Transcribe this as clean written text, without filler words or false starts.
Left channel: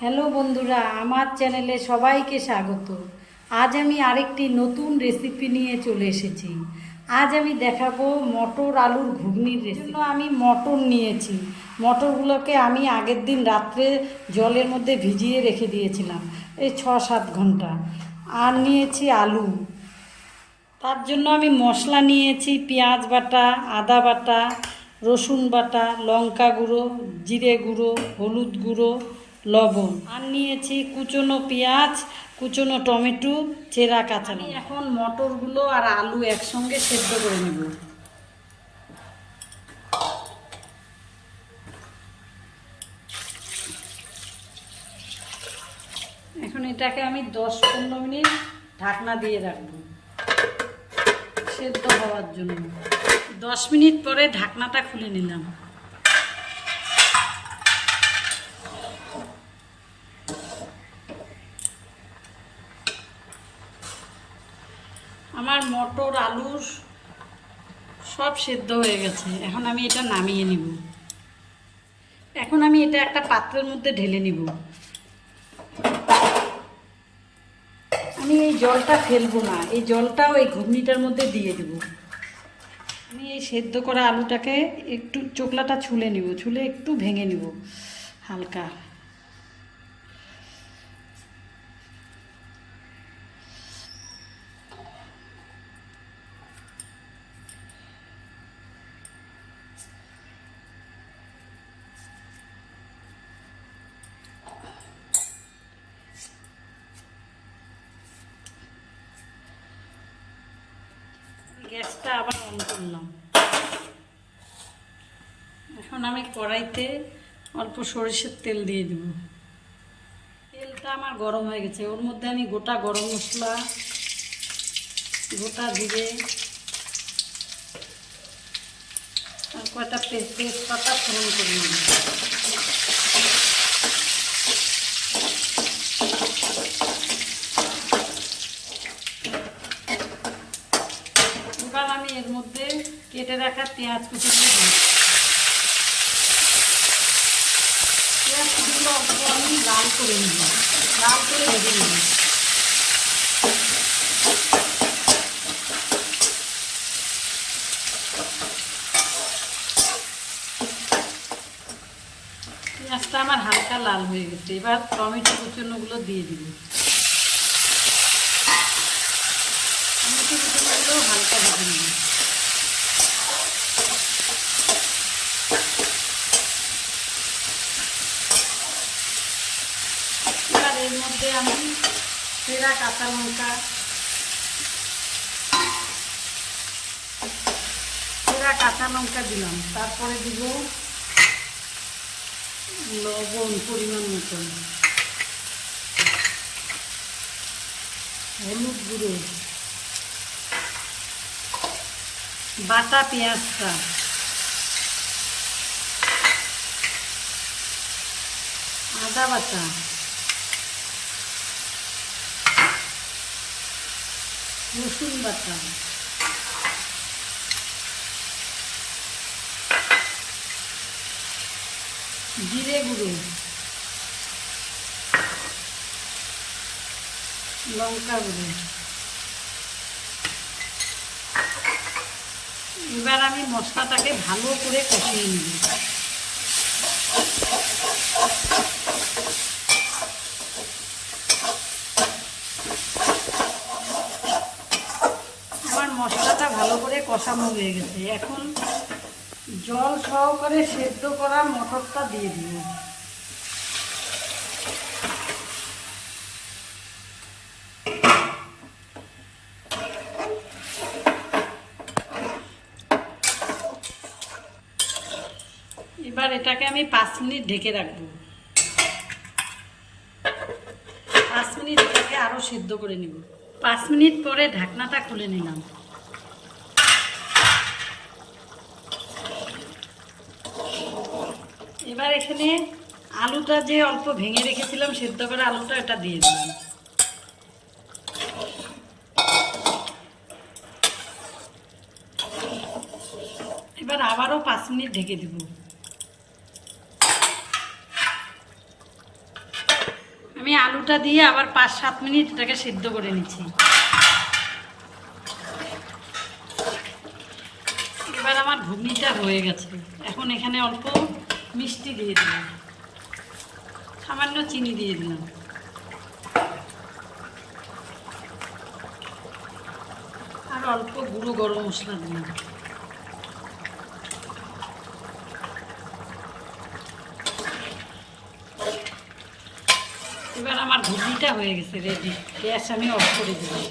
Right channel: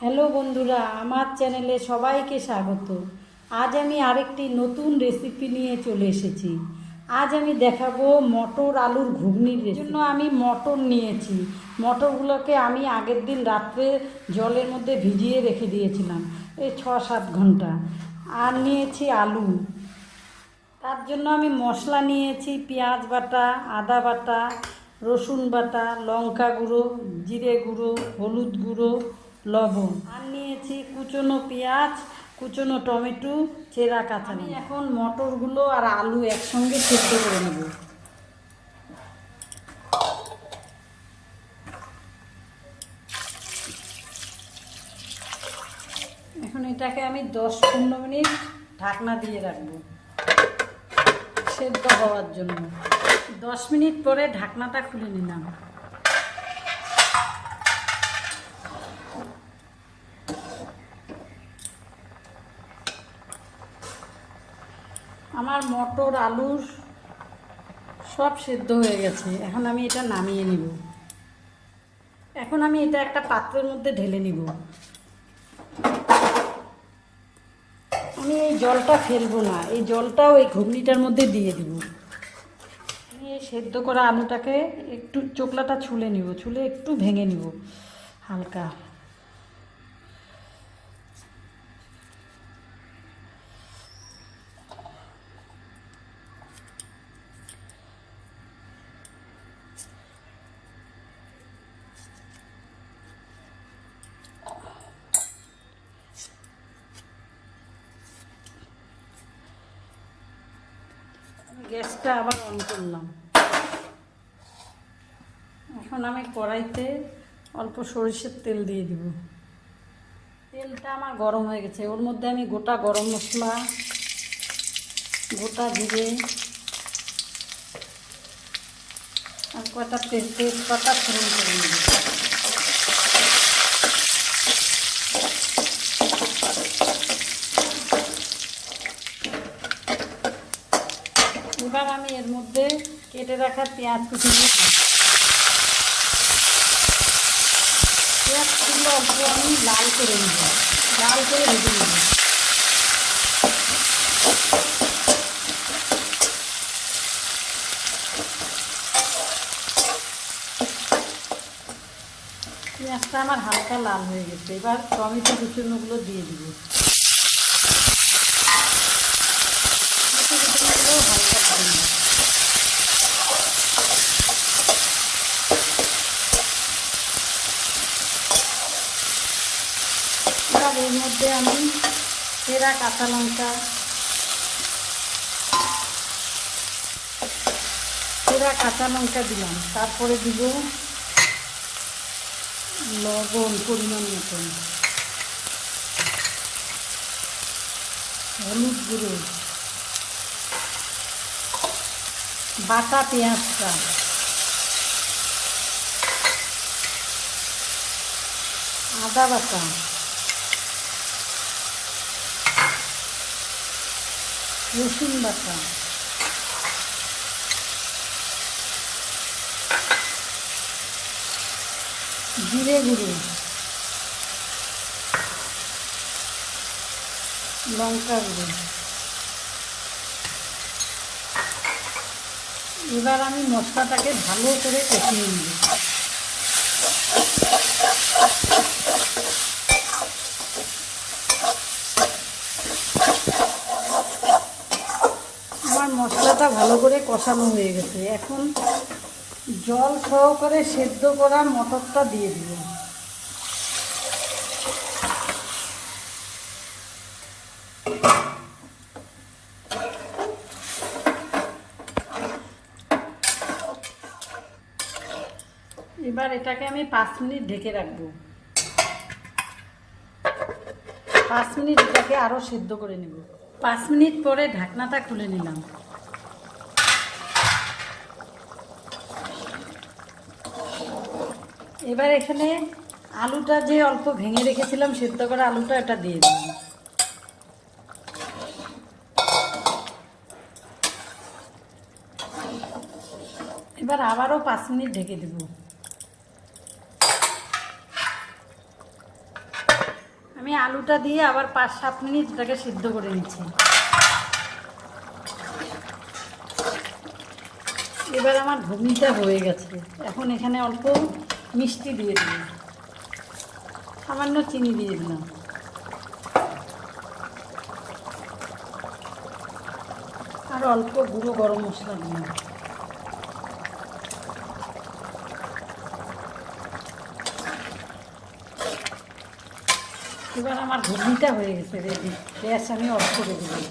Hello বন্ধুরা, আমার চ্যানেলে সবাইকে স্বাগত। আজ আমি আরেকটি নতুন রেসিপি নিয়ে চলে এসেছি। আজ আমি দেখাবো মটর আলুর ঘুগনির রেসিপি। আমি মটর নিয়েছি। মটরগুলোকে আমি আগের দিন রাত্রে জলের মধ্যে ভিজিয়ে রেখে দিয়েছিলাম, এই 6-7 ঘন্টা। আর নিয়েছি আলু। তার জন্য আমি মশলা নিয়েছি পেঁয়াজ বাটা, আদা বাটা, রসুন বাটা, লঙ্কা গুঁড়ো, জিরে গুঁড়ো, হলুদ গুঁড়ো, লবণ। আর নিয়েছি কুচনো পেঁয়াজ, কুচনো টমেটো, চেরা কাঁচা। আমি এখন মটরগুলো আর আলু একসঙ্গে সেদ্ধ করে নেব। এখন এটাকে আমি 10-15 মিনিট ঢাকনা দিয়ে রাখবো সেদ্ধ হওয়ার জন্য। 10 মিনিট পরে ঢাকনাটা খুলে নিলাম। আমার মটর আলু সব সেদ্ধ হয়ে গেছে। এখন আমি এটা নামিয়ে নিব। এখন আমি এটা একটা পাত্রের মধ্যে ঢেলে নিব। আমি এই জলটা ফেলবো না, এই জলটাও এই ঘুগনিটার মধ্যে দিয়ে দেব। আমি এই সেদ্ধ করা আলুটাকে একটু চোকলাটা ছুলে নিব, ছুলে একটু ভেঙে নিব হালকা। গ্যাসটা আবার অন করলাম। এখন আমি কড়াইতে অল্প সরিষার তেল দিয়ে দেব। তেলটা আমার গরম হয়ে গেছে। ওর মধ্যে আমি গোটা গরম মশলা, গোটা জিরে আর কয়েকটা তেজপাতা ফোড়ন করে দেব। এবার আমি এর মধ্যে কেটে রাখা পেঁয়াজ কুচিগুলো দিই। পেঁয়াজ কুচিগুলো অল্প আমি লাল করে নেব, লাল করে ভেজে নেব। পেঁয়াজটা আমার হালকা লাল হয়ে গেছে। এবার টমেটো কুচনোগুলো দিয়ে দিব। টমেটো কুচনোগুলো হালকা ভেজে নেব। এবার এর মধ্যে আমি চেরা কাঁচা লঙ্কা, দিলাম। তারপরে দিব লবণ পরিমাণ মতন, হলুদ গুঁড়ো, বাটা পেঁয়াজটা, আদা বাটা, রসুন বাটা, জিরে গুঁড়ো, লঙ্কা গুঁড়ো। এবার আমি মশলাটাকে ভালো করে কষিয়ে নেব। আমার মশলাটা ভালো করে কষানো হয়ে গেছে। এখন জল সহকারে সেদ্ধ করা মটরটা দিয়ে দিব। এবার এটাকে আমি 5 মিনিট ঢেকে রাখবো। 5 মিনিট এটাকে আরো সিদ্ধ করে নেব। 5 মিনিট পরে ঢাকনাটা খুলে নিলাম। এবার এখানে আলুটা যে অল্প ভেঙে রেখেছিলাম সিদ্ধ করা আলুটা, এটা দিয়ে দিলাম। এবার আবারও 5 মিনিট ঢেকে দেব। আমি আলুটা দিয়ে আবার 5-7 মিনিট এটাকে সিদ্ধ করে নিচ্ছি। এবার আমার ঘুগনিটা হয়ে গেছে। এখন এখানে অল্প মিষ্টি দিয়ে দিলাম, সামান্য চিনি দিয়ে দিলাম, আর অল্প গুঁড়ো গরম মশলা দিলাম। এবার আমার ঘুগনিটা হয়ে গেছে, রেডি। গ্যাস আমি অফ করে দিলাম।